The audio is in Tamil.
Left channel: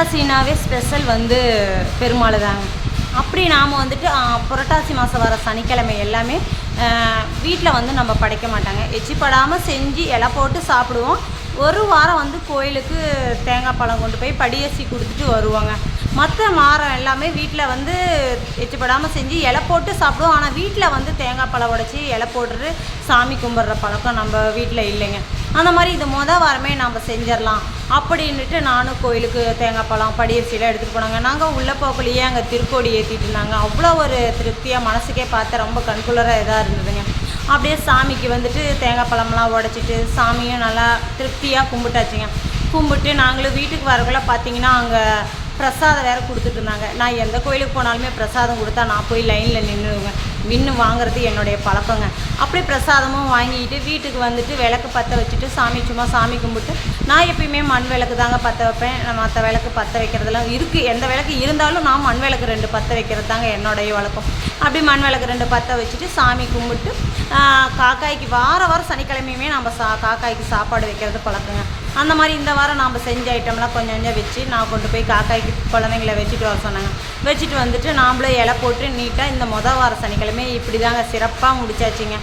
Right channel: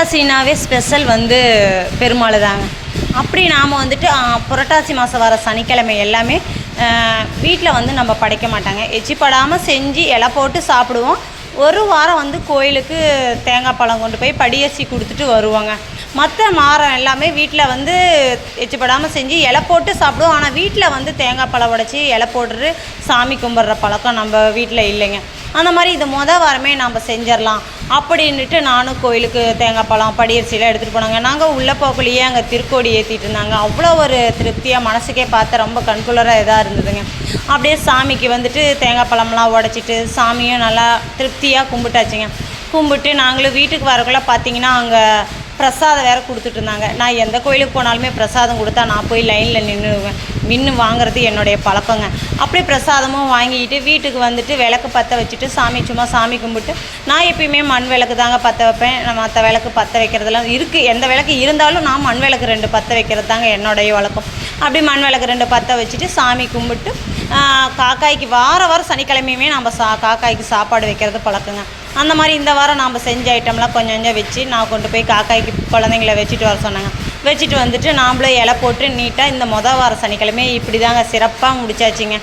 புரட்டாசினாவே ஸ்பெஷல் பெருமாள் தாங்க. அப்படி நாம் புரட்டாசி மாதம் வர சனிக்கிழமை எல்லாமே வீட்டில் நம்ம படைக்க மாட்டாங்க. எச்சிப்படாமல் செஞ்சு இலை போட்டு சாப்பிடுவோம். ஒரு வாரம் கோயிலுக்கு தேங்காய் பழம் கொண்டு போய் படியரிசி கொடுத்துட்டு வருவாங்க. மற்ற வாரம் எல்லாமே வீட்டில் எச்சிப்படாமல் செஞ்சு இலை போட்டு சாப்பிடுவோம். ஆனால் வீட்டில் தேங்காய் பழம் உடைச்சி இலை போட்டுட்டு சாமி கும்பிட்ற பழக்கம் நம்ம வீட்டில் இல்லைங்க. அந்த மாதிரி இது வாரமே நம்ம செஞ்சிடலாம் அப்படின்ட்டு நானும் கோயிலுக்கு தேங்காய் பழம் படியரிசிலாம் எடுத்துகிட்டு போனாங்க. நாங்கள் உள்ளே போகலையே அங்கே திருக்கோடி ஏற்றிட்டு இருந்தாங்க. அவ்வளோ ஒரு திருப்தியாக மனசுக்கே பார்த்து ரொம்ப கண்குளராக இதாக இருந்ததுங்க. அப்படியே சாமிக்கு தேங்காய் பழம்லாம் உடச்சிட்டு சாமியும் நல்லா திருப்தியாக கும்பிட்டாச்சுங்க. கும்பிட்டு நாங்களும் வீட்டுக்கு வரக்குள்ளே பார்த்திங்கன்னா அங்கே பிரசாதம் வேறு கொடுத்துட்டு இருந்தாங்க. நான் எந்த கோயிலுக்கு போனாலுமே பிரசாதம் கொடுத்தா நான் போய் லைனில் நின்று வாங்குறது என்னுடைய பழக்கங்க. அப்படியே பிரசாதமும் வாங்கிட்டு வீட்டுக்கு விளக்கு பற்ற வச்சுட்டு சும்மா சாமி கும்பிட்டு நான் எப்பயுமே மண் விளக்கு தாங்க பற்ற வைப்பேன். நான் மற்ற விளக்கு பற்ற வைக்கிறதுலாம் இருக்குது. எந்த விளக்கு இருந்தாலும் நான் மண் விளக்கு 2 பற்ற வைக்கிறது தாங்க என்னுடைய வழக்கம். அப்படி மண் விளக்கு 2 பற்ற வச்சுட்டு சாமி கும்பிட்டு காக்காய்க்கு வாரம் சனிக்கிழமையுமே நம்ம காக்காய்க்கு சாப்பாடு வைக்கிறது பழக்கங்க. அந்த மாதிரி இந்த வாரம் நாம் செஞ்ச ஐட்டம்லாம் கொஞ்சம் வச்சு நான் கொண்டு போய் காக்காய்க்கு குழந்தைங்கள வச்சுட்டு வர சொன்னாங்க. வச்சுட்டு நாம்ளும் இலை போட்டு நீட்டாக இந்த வார சனிக்கிழமை இப்படி தாங்க சிறப்பாக முடிச்சாச்சுங்க.